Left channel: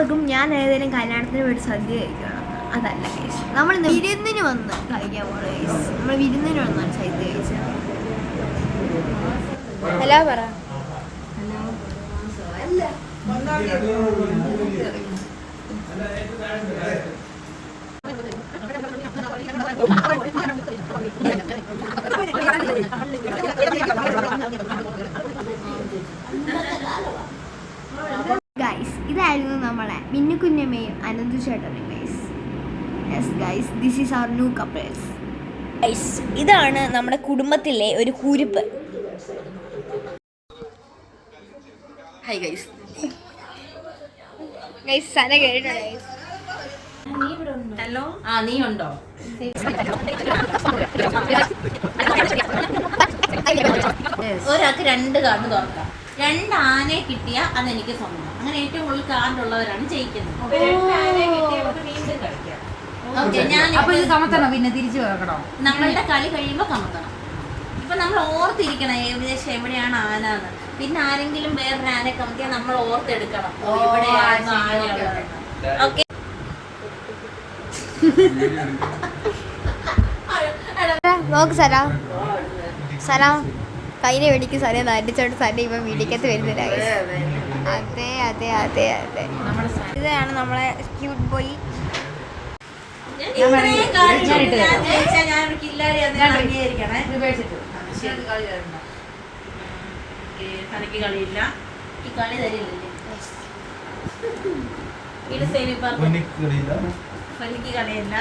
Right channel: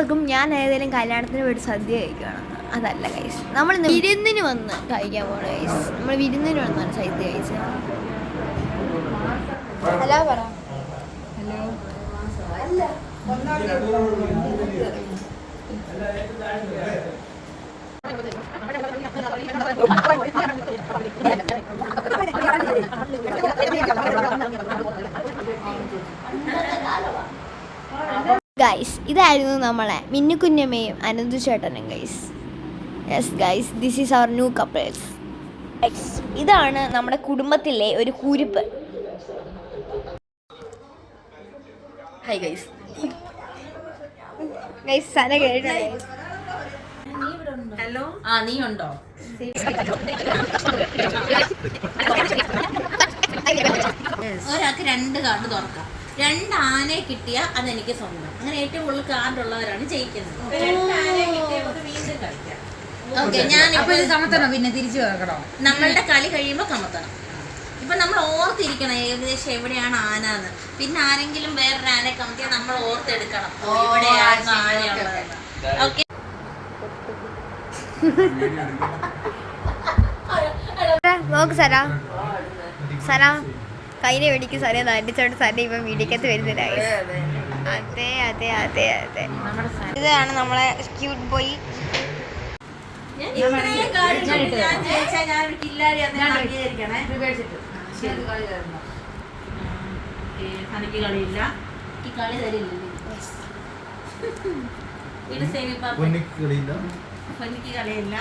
ഓർക്കും ഞാൻ ഏതെങ്കിലും കല്യാണത്തിന് പോയിട്ട് സദ്യ കഴിക്കണം. അതല്ല ഗൈസ്, നമ്മൾ വിരുന്നിന് വന്ന് കഴിക്കാൻ പോകണം ഗൈസ്. നമ്മൾ വിരുന്നിന് വന്നാണ് സദ്യ കഴിച്ചത്. ഹലോ പറ. ഗൈസ്, ഇതായിരുന്നു നമ്മളെ മിന്നുകുഞ്ഞമ്മയും അനന്തു ചേട്ടനും guys. Yes guys, this is our new couples guys. ഇതാണ് നമ്മുടെ കുടുംബത്തിലെ ഒരു കുരുപ്പ്. Hi guys. ഗൈസ് സന കേട്ടോ ഗൈസ്. ഹലോ, നീ ഉണ്ടോ? ഒരാൾക്ക് 2 കാർഡ് തുറക്കാം. 2 ആനയെ കിട്ടിയ അതെനിക്ക് സ്വന്തം. അങ്ങനെ ഏറ്റവും കൂടുതൽ കാർഡ് ഉള്ളവരാണ് ജയിക്കുന്നത്. പിന്നെ തിരിച്ചു വെക്കണോ? നമ്മളുടെ കളി കഴിയുമ്പോ കമത്തണം. ഇപ്പൊ നമ്മൾ ഓർത്തിരിക്കണം ഏകദേശം എവിടെയാണ് ആന എന്ന്. പിന്നെ ആരെങ്കിലും വേറൊരു ആനയെ കമത്തിയാൽ നമ്മൾ ഓർത്തെടുക്കണം എവിടെയാണ് ആനയുള്ളത്. ഓക്കെ, നോക്ക് സരാ. സരാ കയ്യിലെ വെടിക്ക് സര നടിച്ചോണ്ട് സര ഇപ്പൊ വീടിക്കത്ത് വരുന്നില്ല. അതെ അതെ അതെ അതെ, ഇതാണ് നമ്മളെ ക്യൂട്ട് ബോയ്. കളിയില്ല, ഈ കളി തരില്ല. ഇത് സെമി കളിയില്ല.